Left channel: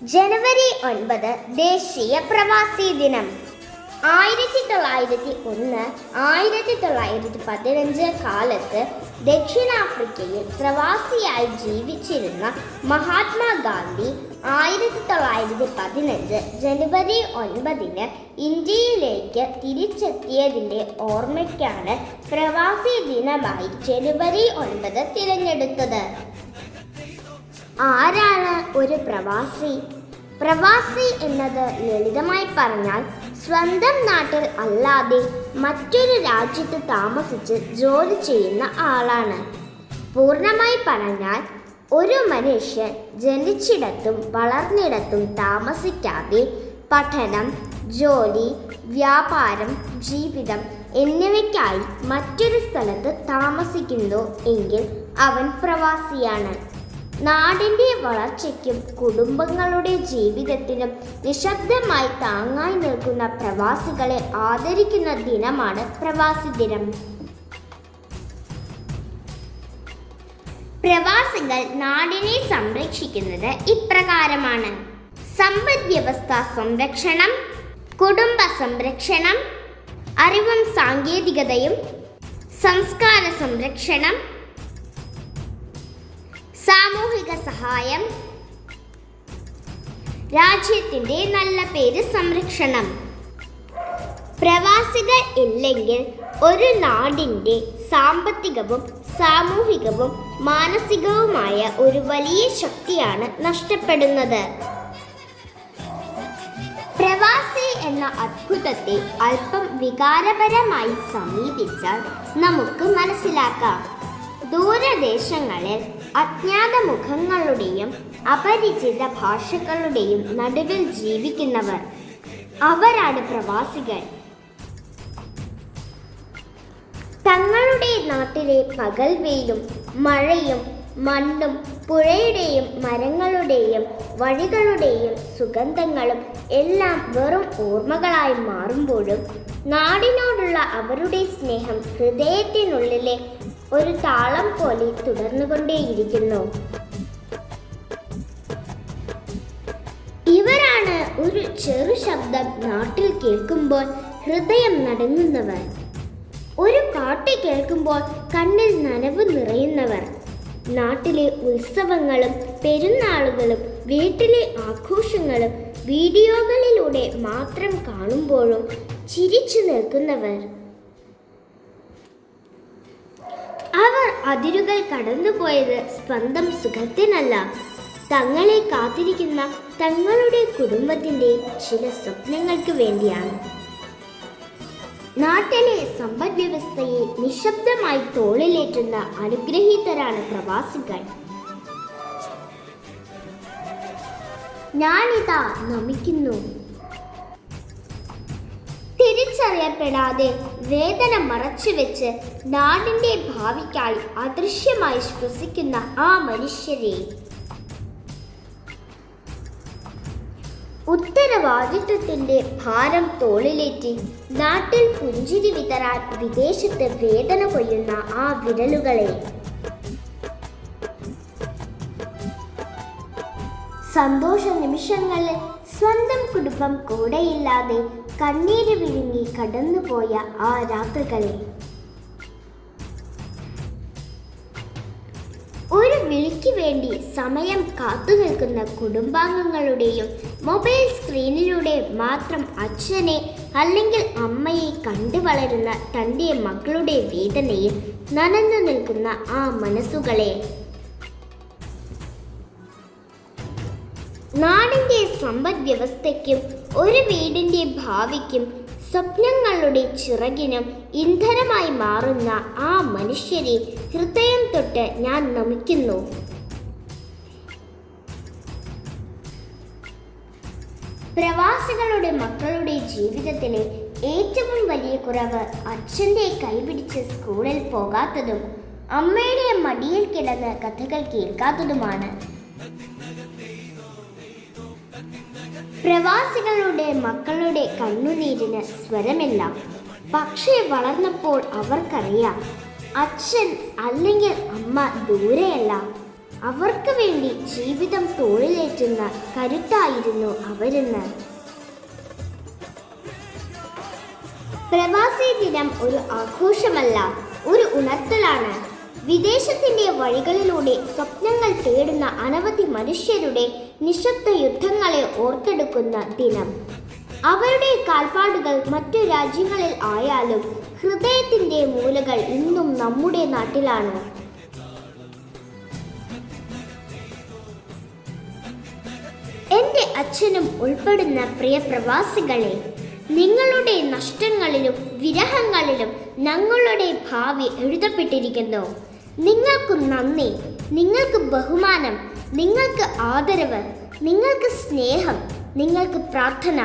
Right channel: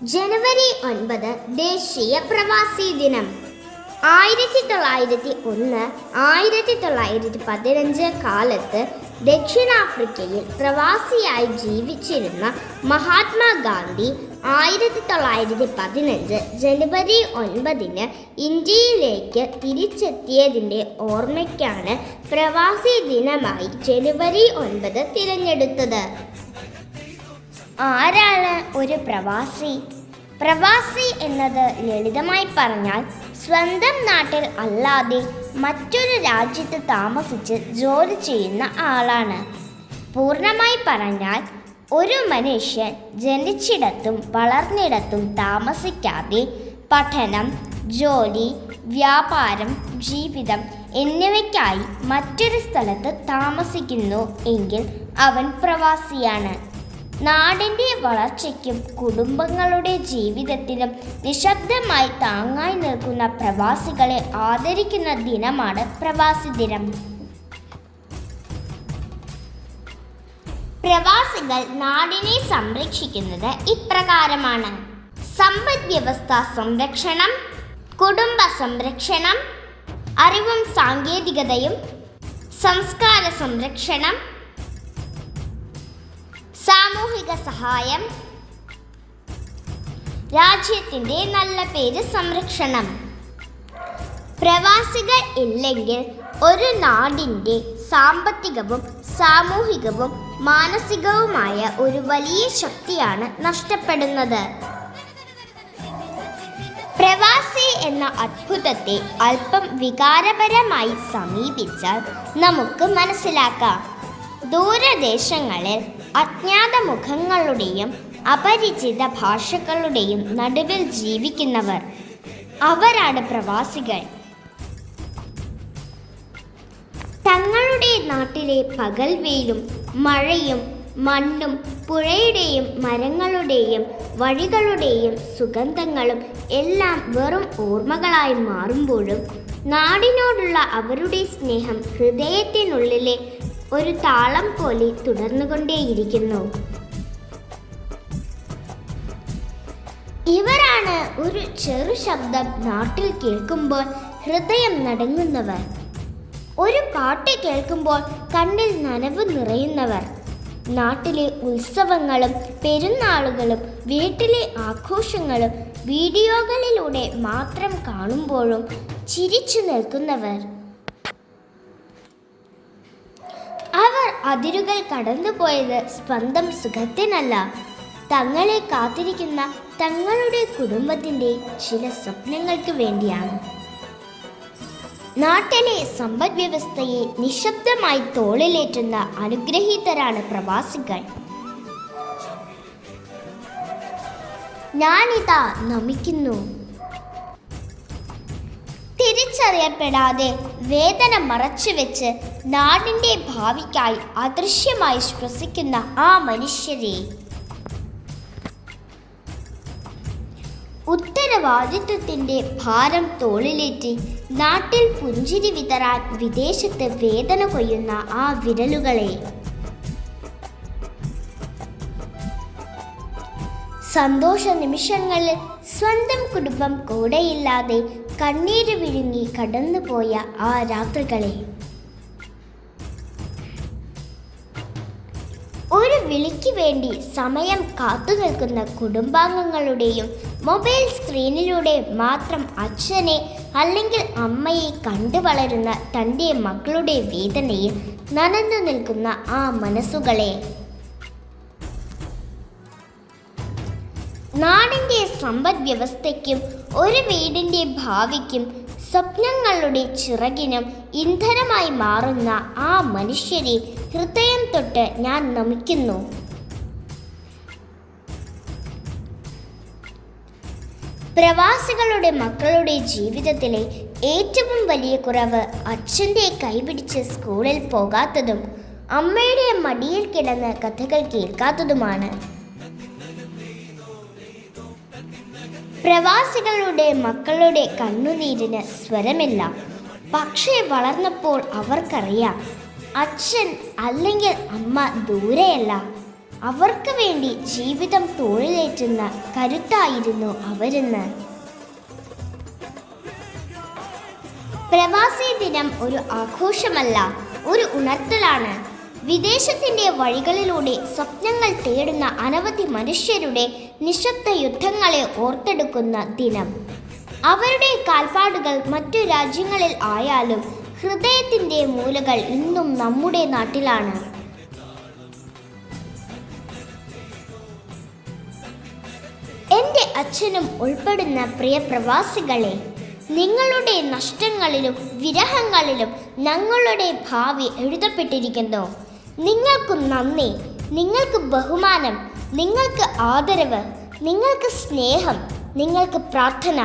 ജനുവരി 9 ദേശീയ പ്രവാസി ദിനം. 1901 1915 കാലത്ത് ദക്ഷിണാഫ്രിക്കയിൽ പ്രവാസിയായി ജീവിച്ചിരുന്ന മഹാത്മാഗാന്ധി 1915 ജനുവരി 9 ഇന്ത്യയിലേക്ക് തിരിച്ചെത്തിയതിൻ്റെ ഓർമ്മയ്ക്കാണ് പ്രവാസി ദിനമായി ജനുവരി 9 തിരഞ്ഞെടുത്തത്. ആരാണ് ഒരു പ്രവാസി? പ്രവാസി എന്നത് ലളിതമായി പറഞ്ഞാൽ സ്വന്തം നാട്ടിൽ അല്ലാതെ മറ്റൊരു രാജ്യത്ത് താമസിച്ച് ജോലി ചെയ്യുന്ന ആളാണ്. പൂർണ്ണമായി പറഞ്ഞാൽ ഒരു മനുഷ്യൻ ജനിച്ചിടത്തും വളർന്നിടത്തും താമസിക്കാതെ പഠനം, ജോലി, വ്യാപാരം, ജീവിതം എന്നിവയ്ക്കായി മറ്റൊരു സ്ഥലത്ത് താമസിക്കുന്നു എങ്കിൽ അവൻ പ്രവാസിയാണ്. നാടിൻ്റെ വളർച്ചയ്ക്കും കുടുംബങ്ങളുടെ ജീവിതത്തിനും നിശബ്ദമായി താങ്ങായി നിൽക്കുന്ന പ്രവാസികളെ ആദരിക്കുന്ന ദിനമാണ് പ്രവാസി ദിനം. പ്രവാസികൾ നാടിനെ സംരക്ഷിക്കുന്നത് ഇപ്രകാരമാണ്: സമ്പദ് വ്യവസ്ഥ സംരക്ഷണം, കുടുംബ സംരക്ഷണം, അറിവും സാങ്കേതികതയും, സംസ്കാര സംരക്ഷണം, സാമൂഹിക സഹായം, രാജ്യത്തിൻ്റെ നല്ല പേര് സംരക്ഷണം. പ്രവാസികൾ ഇല്ലെങ്കിൽ ഒരു നാടിൻ്റെ സാമ്പത്തികവും സാമൂഹികവും മാനസികവുമായ ഒരു വലിയ ശക്തിയാണ് നഷ്ടപ്പെടുന്നത്. പ്രവാസി എന്ന അത്ഭുതത്തെ അല്പം വികാരപരമായി സമീപിച്ചാൽ നമുക്ക് മനസ്സിലാക്കാം. ദൂരദേശങ്ങളിൽ അജ്ഞാത മുഖങ്ങളുടെയും അപരിചിത ഭാഷകളുടെയും നടുവിൽ ജീവിക്കുന്നവർ, അവരാണ് പ്രവാസികൾ. തങ്ങളുടെ നാട്ടിലെ പകൽ വെയിലും മഴയും മണ്ണും പുഴയുടെയും മരങ്ങളുടെയും വഴികളുടെയും സുഗന്ധങ്ങളും എല്ലാം വെറും ഓർമ്മകളായി മാറുമ്പോഴും നാടിനോടുള്ള അവരുടെ സ്നേഹം ഹൃദയത്തിനുള്ളിലെ ഒരു താളം പോലെ തുടർന്നുകൊണ്ടേയിരിക്കുന്നു. ഇവരാണ് ഒരു ചെറു ശബ്ദം നാട്ടിൽ കേൾക്കുമ്പോൾ ഹൃദയം നടുങ്ങുന്നവർ, ഒരു പാട്ട് കേൾക്കുമ്പോൾ കണ്ണിൽ നനവ് നിറയുന്നവർ, നാട്ടിലെ ഉത്സവങ്ങളും പെരുന്നാളുകളും വീട്ടിലെ ആഘോഷങ്ങളും വീഡിയോകളിലൂടെ മാത്രം കാണുമ്പോഴും ചിരിച്ചു നിൽക്കുന്നവർ. അവർ അതിരുകൾ കടന്നുപോയത് സ്വന്തം സുഖത്തിനല്ല, തങ്ങളെ കാത്തിരിക്കുന്ന തങ്ങളുടെ കുടുംബത്തിൻ്റെ ചില സ്വപ്നങ്ങൾക്ക് വേണ്ടിയാണ്. നാട്ടിലെ സമ്പദ് വ്യവസ്ഥയെ നിശബ്ദമായി തോളിലേറ്റുന്ന അനുഗ്രഹീതരാണ് പ്രവാസികൾ. ഞാനിതാ നമിക്കുന്നു. തിരിച്ചറിയപ്പെടാതെ വേദന മറച്ചുവെച്ച് നാടിൻ്റെ ഭാവിക്കായി അദൃശ്യമായി ശ്വസിക്കുന്ന ആ മനുഷ്യരെ, ഉത്തരവാദിത്വത്തിൻ്റെ ഭാരം തോളിലേറ്റി നാട്ടിൽ പുഞ്ചിരി വിതറാൻ വിദേശത്ത് വേദന കൊയ്യുന്ന ആ വിരലുകളെ, സന്തോഷ നിമിഷങ്ങളിൽ സ്വന്തം കുടുംബം കൂടെയില്ലാതെ കണ്ണീര് വിഴുങ്ങി കടന്നുപോയ ആ രാത്രികളെ, ഒരു വിളിക്ക് വേണ്ടി സമയം കാത്തുനിൽക്കുന്ന കുടുംബാംഗങ്ങളുടെയും മൊബൈൽ സ്ക്രീനിലൂടെ മാത്രം അച്ഛനെ അല്ലെങ്കിൽ അമ്മയെ കണ്ടു വളരുന്ന തൻ്റെ മക്കളുടെ വേദനയിൽ നനഞ്ഞു നിൽക്കുന്ന ആ മനസ്സുകളെ, നാടിൻ്റെ സമ്പദ് വ്യവസ്ഥയ്ക്കും ഒരു വീടിൻ്റെ ഭാവിക്കും സ്വപ്നങ്ങളുടെ ചിറകിനും ഇന്ധനമായി മാറുന്ന ആ മനുഷ്യരെ ഹൃദയം തൊട്ട് ഞാൻ നമിക്കുന്നു. പ്രവാസികളുടെ മക്കളുടെ ജീവിതത്തിലെ ഏറ്റവും വലിയ കുറവ് അച്ഛൻ്റെ കൈപിടിച്ച് സ്കൂളിൽ പോകാത്തതും അമ്മയുടെ മടിയിൽ കിടന്ന് കഥകൾ കേൾക്കാത്തതുമാണ്. പ്രവാസികളുടെ മക്കളുടെ കണ്ണുനീരിന് സ്വരമില്ല. പക്ഷേ വളർന്നപ്പോൾ അവർക്കറിയാം, അച്ഛൻ അല്ലെങ്കിൽ അമ്മ ദൂരെയല്ല, അവർക്ക് വേണ്ടി ജീവിതം തോളിലേറ്റുന്ന കരുത്തായിരുന്നു അവരെന്ന്. പ്രവാസി ദിനം ഒരു ആഘോഷമല്ല, ഒരു ഉണർത്തലാണ്. വിദേശത്തിന്റെ വഴികളിലൂടെ സ്വപ്നങ്ങൾ തേടുന്ന അനവധി മനുഷ്യരുടെ നിശബ്ദ യുദ്ധങ്ങളെ ഓർത്തെടുക്കുന്ന ദിനം. അവരുടെ കാൽപ്പാടുകൾ മറ്റു രാജ്യങ്ങളിൽ ആയാലും ഹൃദയത്തിന്റെ മൂലകൾ ഇന്നും നമ്മുടെ നാട്ടിലാണ്. എൻ്റെ അച്ഛനും ഉൾപ്പെടുന്ന പ്രിയ പ്രവാസികളെ, നിങ്ങളുടെ നഷ്ടങ്ങളിലും വിരഹങ്ങളിലും ഞങ്ങളുടെ ഭാവി എഴുതപ്പെട്ടിരിക്കുന്നു. നിങ്ങൾക്ക് നന്ദി, നിങ്ങൾക്ക് ബഹുമാനം, നിങ്ങൾക്ക് ആദരവ്, നിങ്ങൾക്ക് സ്നേഹം, നിങ്ങൾക്ക് പ്രാർത്ഥന.